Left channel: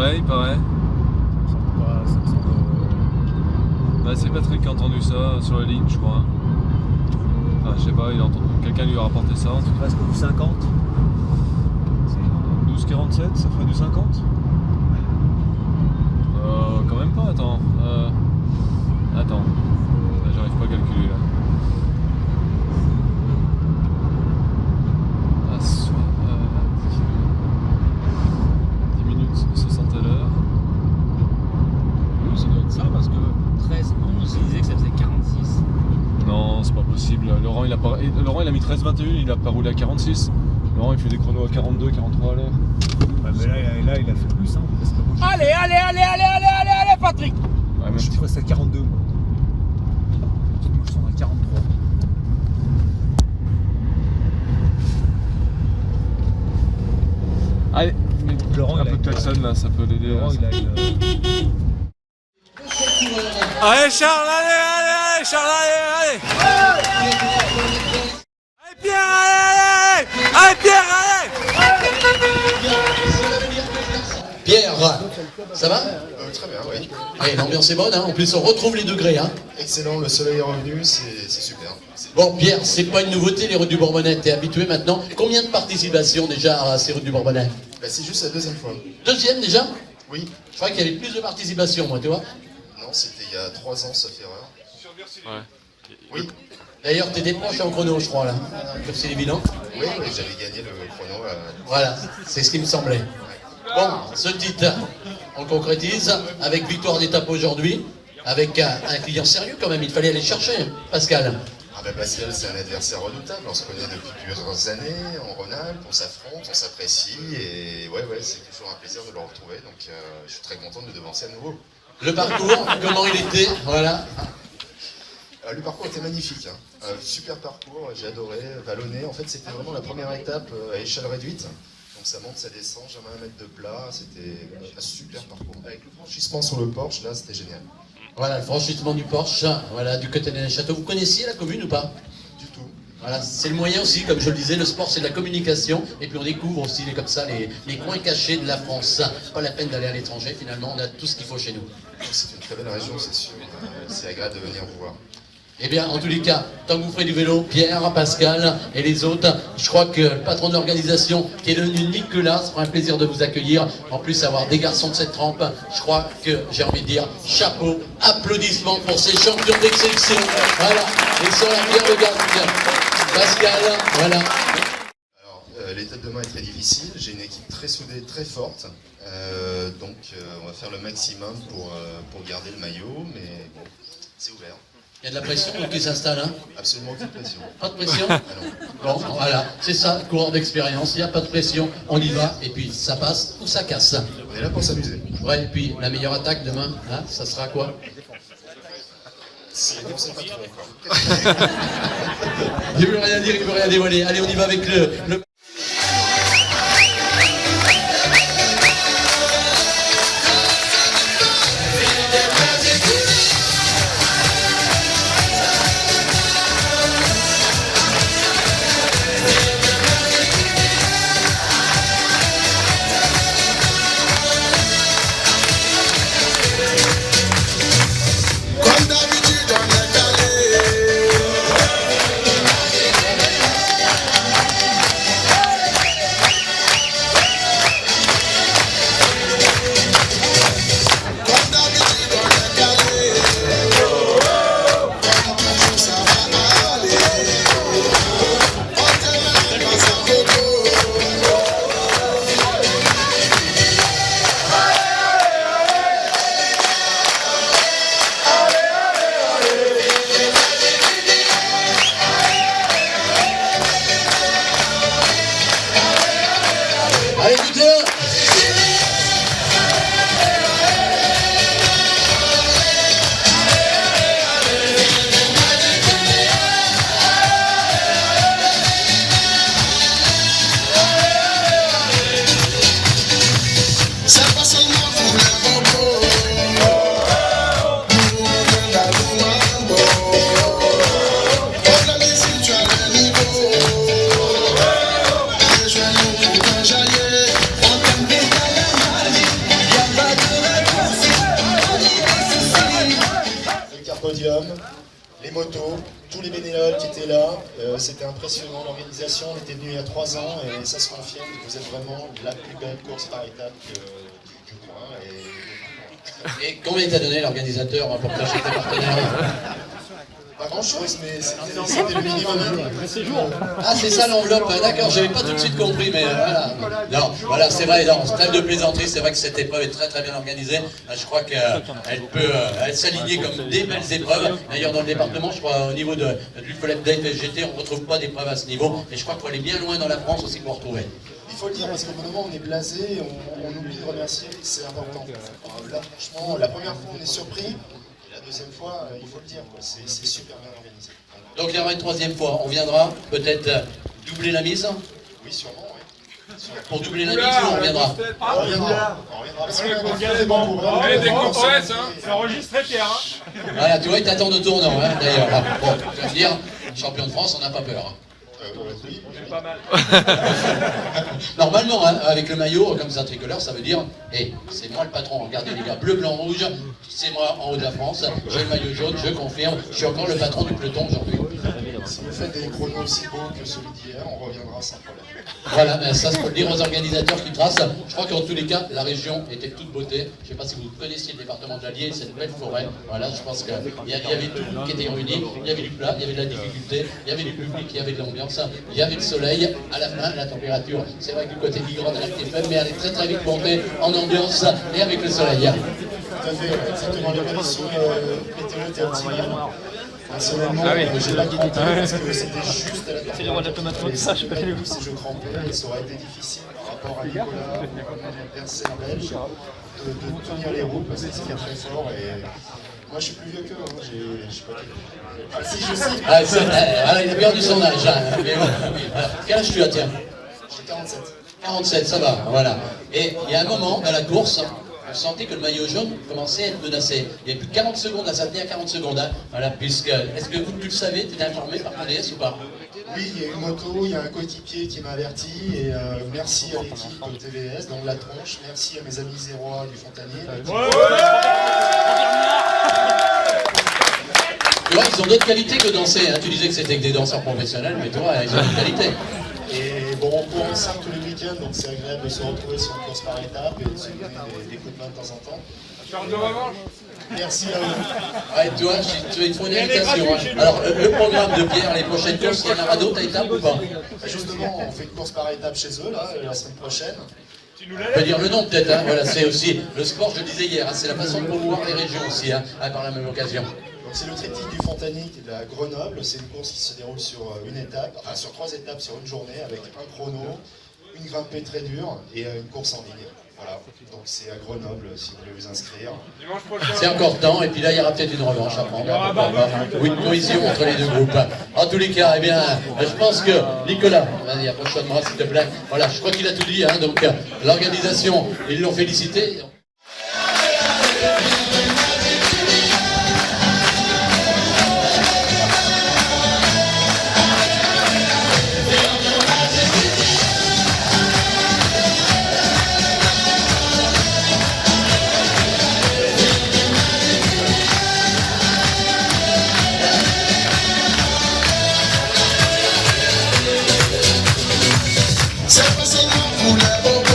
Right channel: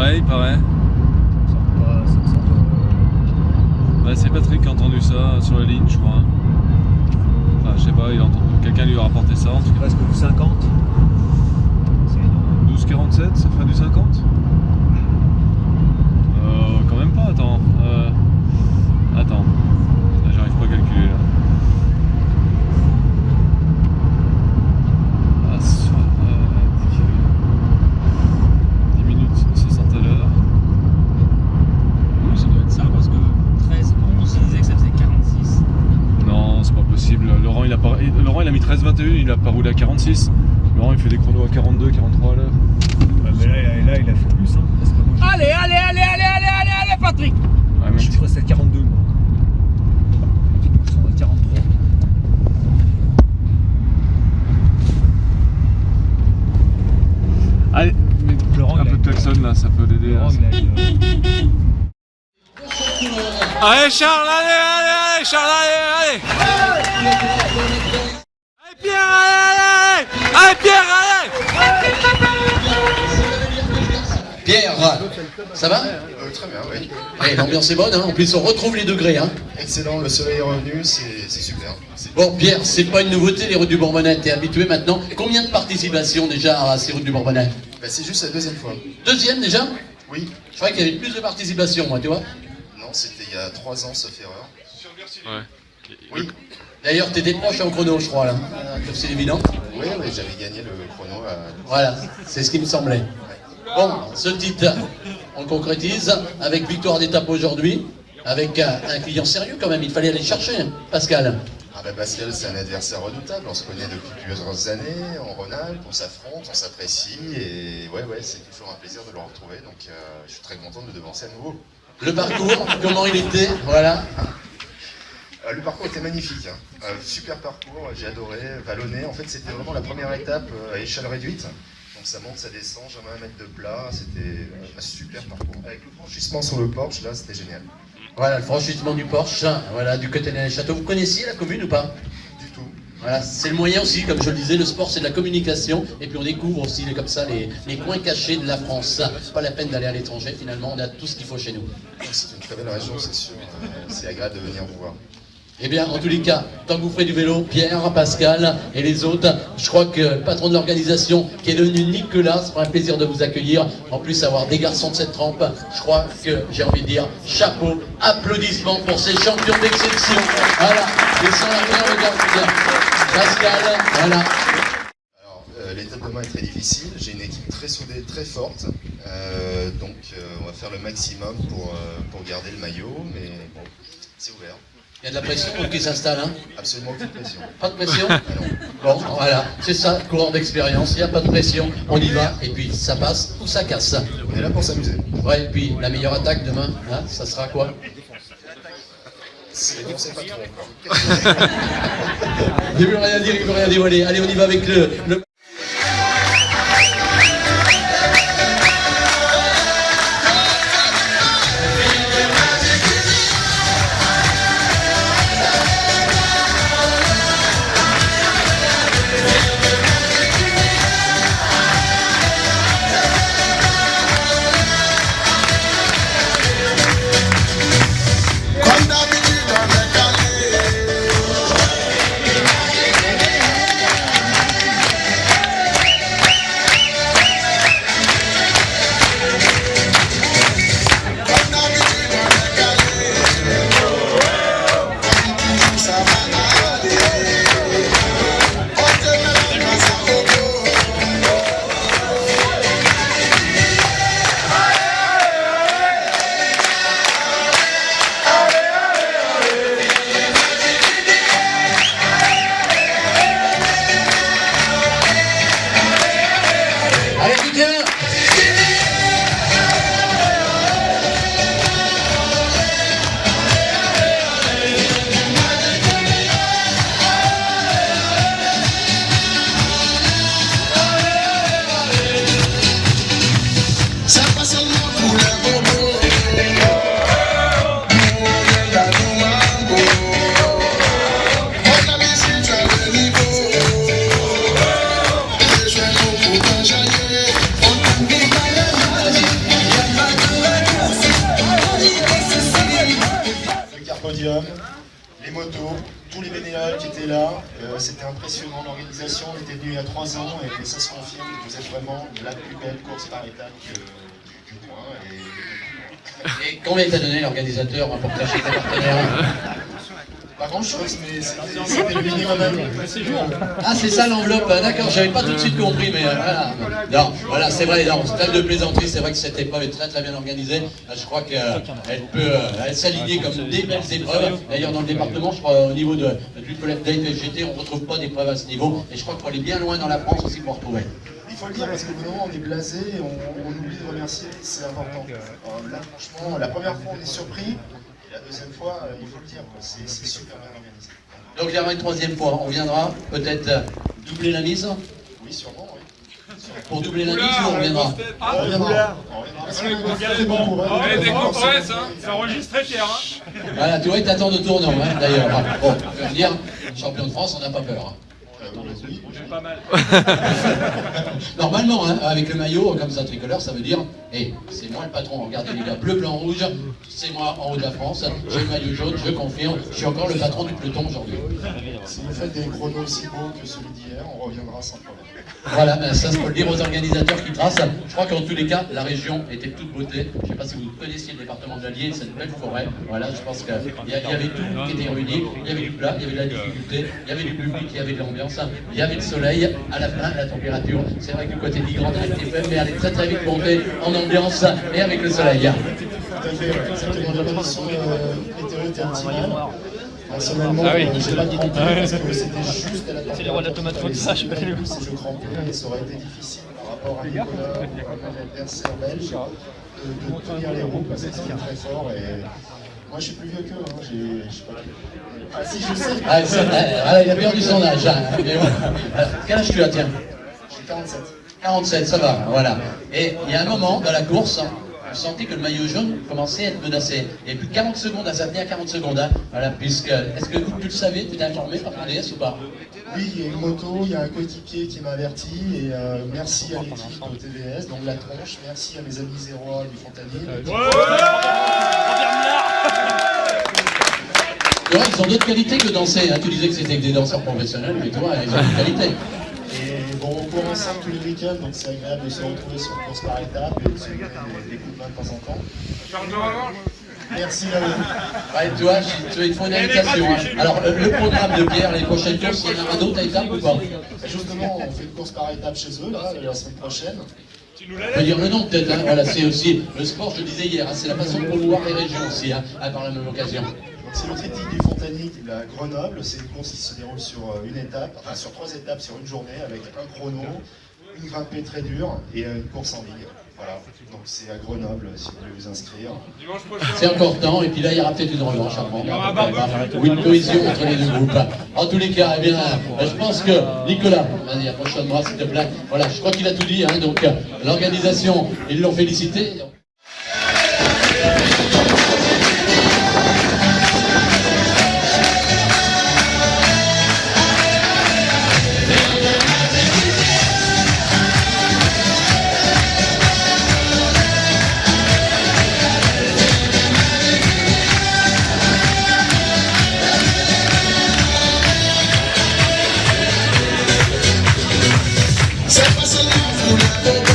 Ouais, il paraît. Bah, c'est Patrick qui a entendu ça sur la ligne, je crois. Enfin, je sais pas, il a entendu. Quelqu'un lui a rapporté ça en tout cas. Presque du 50. 12,47, ça ferait du 50 quand même pas, attends. Attends. Là, j'arrive pas à calculer là. Ah, 10 minutes, 60 à l'heure. Non, ça doit être ça parce que 13, 11, il disait que ça faisait 46. Non, c'est pas possible. Laurent il a mis 13,21, il a pas roulé à 46. Laurent il fait des chronos à 42, 43 à l'heure. Ouais, mais là, il a fait plus. Hein, parce que moi, allez, Patrick. Ouais, Je suis resté à 42. Moi, je suis à 43. Allez, mais Laurent, un peu de klaxon là, ça peut l'aider. Laurent, il a une... Allez Charles, allez Charles, allez Pierre, allez Pierre, allez Pierre, ça va? Très bien, oui. Ouais, l'ambiance est bonne, hein. En plus on retrouve les degrés. Hein. Excellent, le soleil est revenu, c'est super. Bon Pierre, c'est pas une nouveauté les routes du Bourbonnais, t'es habitué maintenant. Combien de participations déjà à ces routes du Bourbonnais? Bah, c'est juste la deuxième fois. Deuxième déjà? Oui. Je croyais qu'il y avait plus de participation moi, tu vois. Non, c'était il y a 3 ans, sauf erreur. Ouais. Oui. D'ailleurs t'étais proche en chrono je crois là, sur c'est évident. Oui, j'avais gagné le chrono. Voilà, c'est ce qui me semblait. Bon, ce titre, on le concrétise avec victoire d'étape aujourd'hui, avec un client sérieux quand même, il fallait aller chercher, hein, Pascal. Ah bah Pascal, c'est un adversaire redoutable, on se connaît depuis plusieurs années, en Rhône-Alpes, on s'affronte, on s'apprécie, et ouais, c'est toujours un plaisir de le retrouver, donc je suis très content de le devancer à nouveau. Le parcours, comment il était, voilà. Le parcours était magnifique, hein. Super parcours, j'ai adoré, vallonné, en fait c'était vraiment la première étape à échelle réduite. Donc ça monte, ça descend, jamais 1 mètre de plat, c'était un super parcours. Avec le franchissement sur le Porsche, là c'était génial. Voilà, le franchissement du Porsche, voilà, du côté des châteaux. Vous connaissiez la commune ou pas? Du tout. Voilà, c'est le moyen aussi, comme je le disais, le sport c'est de la communication, et puis on découvre aussi comme ça les coins cachés de la France. Pas la peine d'aller à l'étranger, finalement, on a tout ce qu'il faut chez nous. C'est une très belle région, c'est sûr, c'est agréable de venir vous voir. Eh bien, en tous les cas, tant que vous ferez du vélo, Pierre, Pascal et les autres, je crois que le patron de l'organisation, qui est devenu Nicolas, ça fera un plaisir de vous accueillir. En plus, avoir des garçons de cette trempe, je crois que j'ai envie de dire chapeau, applaudissements pour ces champions d'exception. Voilà, ils sont là, Pierre le garçon. Pascal, voilà. Alors, l'étape de demain est très difficile, j'ai une équipe très soudée, très forte, donc on va faire le maximum pour garder le maillot, mais bon, c'est ouvert. Il y a de la pression qui s'installe, hein? Absolument aucune pression. Pas de pression? Bon, voilà, c'est ça, courant d'expérience, il n'y a pas de pression, on y va, et puis ça passe ou ça casse. On est là pour s'amuser. Ouais, et puis la meilleure attaque demain, hein, ça sera quoi? C'est pas trop encore. Il veut rien dire, il veut rien dévoiler. Allez, on y va avec le... motos, tous les bénévoles qui étaient là. C'était impressionnant l'organisation. On était venu il y a 3 ans et ça se confirme. Vous êtes vraiment la plus belle course par étape du coin. Et combien t'a donné l'organisateur pour cacher tes partenaires? Pas grand chose, mais c'était le minimum. Ah, c'est ça l'enveloppe, d'accord, j'avais pas tout de suite compris, mais voilà. Non, voilà, c'est vrai, non, stade de plaisanterie, c'est vrai que cette épreuve est très très bien organisée. Je crois qu'elle peut s'aligner comme des belles épreuves. D'ailleurs, dans le département, je crois, au niveau de l'UFOLEP Date GT, on ne retrouve pas d'épreuves à ce niveau. Et je crois qu'il faut aller bien loin dans la France aussi pour retrouver. Il faut le dire, parce qu'au bout d'un moment, on est blasé, on oublie de remercier, c'est important. Là, franchement, la première fois, on est surpris. La deuxième fois, il faut le dire, c'est super bien organisé. Donc il y aura une troisième fois, on viendra peut-être doubler la mise. Oui, sûrement, oui. Pour doubler la mise, on reviendra. On reviendra. Parce qu'on est bon pour Des compresses, hein. C'est enregistré, Pierre. Voilà, tu vois, il t'attend de tournant, hein, d'ailleurs. Là. Bon, je veux dire, champion de France, on n'a pas peur. oui. J'ai pas mal. Normalement, hein, avec le maillot comme ça tricolore, ça veut dire, hey, c'est moi le patron. Regardez les gars, bleu, blanc, rouge, c'est moi en haut de la France. J'ai le maillot jaune, je confirme, je suis encore le patron du peloton aujourd'hui. Si vous faites des chronos aussi beaux que celui d'hier, on reviendra sans problème. Voilà, ben ça, faut le dire aux organisateurs qui tracent. Je crois qu'en tous les cas, la région était de toute beauté. Je ne sais pas si vous connaissiez le département de l'Allier, cette belle forêt. Voilà, je pense qu'il y avait tout qui était réuni. Il y avait du plat, il y avait de la difficulté, il y avait du public, il y avait de l'ambiance, il y avait le soleil. À la fin, la température, c'est vrai que du côté d'Igrande, elle était faible, mais elle est très très vite montée en ambiance et avec le soleil. Tout à fait, exactement. Les conditions météo étaient optimales. Personnellement, Ah oui. j'ai pas quitté parce que c'était juste à la C'est les rois de la tomate comme ça, je sais pas. Si je trempais, ça aurait été difficile par rapport à Nicolas ou l'adversaire belge de tenir les roues parce que c'était très fort. Et moi, je suis plus vieux qu'eux. Hein. J'ai pas quitté. Ah, si, je sais. Ah, voilà, il a perdu son âge. Hein. Mais bon. Quel âge tu as, tiens? J'ai 47. 47, ça va, voilà. Et il y a un moment dans la course, on sentait que le maillot jaune commençait à être menacé. Il y avait plus de 40 secondes, ça tenait à 40 secondes. Hein. Voilà, puisque, est-ce que tu le savais, tu étais informé par PDS ou pas? Oui, il y a une moto, il y a un coéquipier qui m'a averti et merci à l'équipe de TVS, donc la tronche, merci à mes amis zérois du Fontanier. Tu vois, ils ont d'autres qualités que danser. Hein. Tu disais que c'était que des danseurs professionnels, mais toi, ils ont d'autres qualités. Et bon, on court ensemble tous les week-ends, donc c'est agréable de se retrouver sur une course par étape et de se donner des coups de main de temps en temps. Merci à vous. Ouais, toi, il faut une invitation. Hein. Alors, le programme de Pierre, les prochaines courses, il y en aura d'autres à étapes ou pas? Justement, on fait une course par étape chez eux, là, la semaine prochaine. On peut dire le nom peut-être, hein. Voilà, c'est aussi le sport, je le disais hier, hein. C'est la façon de promouvoir les régions aussi, hein, par la même occasion. C'est le critique du Fontanier de la Grenoble, c'est une course qui se déroule sur une étape, enfin sur 3 étapes sur une journée avec un chrono, une grimpée très dure et une course en ligne. Voilà, donc c'est à Grenoble si vous voulez vous inscrire. C'est encore temps, et puis là il y aura peut-être une revanche à prendre, ou une cohésion entre les deux groupes. En tous les cas, eh bien, je pense que Nicolas, vas-y, approche-moi s'il te plaît. Voilà, je crois qu'il a tout dit, hein, donc l'organisation, ils l'ont félicité. C'est facile, vous l'avez